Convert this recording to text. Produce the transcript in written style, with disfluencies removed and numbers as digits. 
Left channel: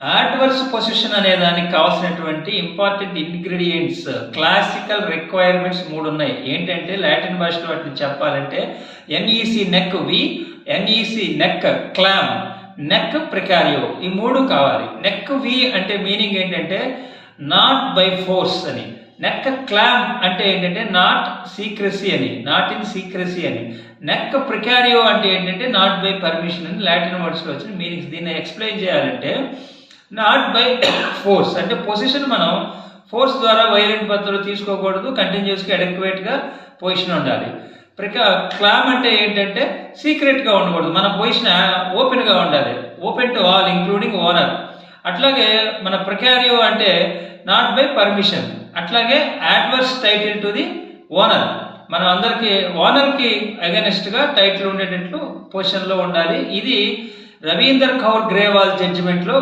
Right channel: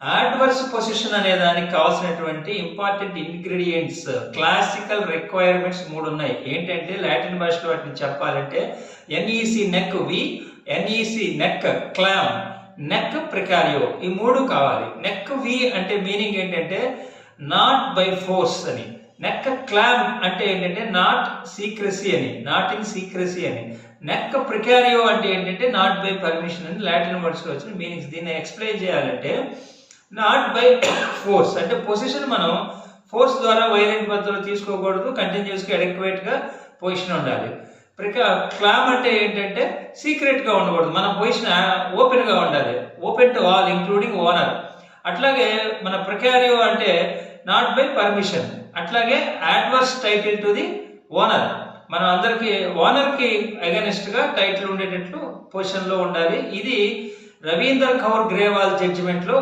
Adverse position అనే దానికి కావాల్సినటువంటి ఇంపార్టెంట్ ఇంగ్రీడియంట్స్, క్లాసికల్ రిక్వైర్మెంట్స్ 3 ఉన్నాయి. ఏంటంటే లాటిన్ భాషలో వాటిని చెప్పాలంటే ఎన్ఈసి నెక్ వి, ఎన్ఈసి నెక్ క్లామ్, నెక్ ప్రికారియో, ఈ 3 కావాలి. నెక్ వి అంటే మీనింగ్ ఏంటంటే నాట్ బై ఫోర్స్ అని. నెక్ క్లామ్ అంటే ఏంటంటే నాట్ సీక్రసీ అని, నాట్ ఇన్ సీక్రసీ అని. నెక్ ప్రికారియో అంటే ఏంటంటే నాట్ బై పర్మిషన్ అని లాటిన్ వర్డ్స్లో వచ్చిన మీనింగ్స్. దీన్ని ఎక్స్ప్లెయిన్ చేయాలంటే నాట్ బై ఫోర్స్ అంటే పొజిషన్ మనం ఫోర్స్ ద్వారా వైలెంట్ పద్ధతిలో తీసుకోకూడదు, కంటిన్యూస్గా అడెక్వేట్గా పొజిషన్ ఉండాలి. క్లామ్ అంటే ఏంటంటే సీక్రెట్గా ఉండకూడదు, మన పొజిషన్ ఓపెన్గా ఉండాలి, open to all including owner. అట్లాగే మన ప్రికారియో అంటే నాట్ బై పర్మిషన్. అట్లాగే adverse title to the owner, మనం అందరికీ ఓనర్కి అగెనిస్ట్గా టైటిల్ ఉండేటట్లు పొజిషన్లో ఉండాలి. ఇది రవీందర్ కౌర్ గ్రేవాల్ జడ్జిమెంట్లో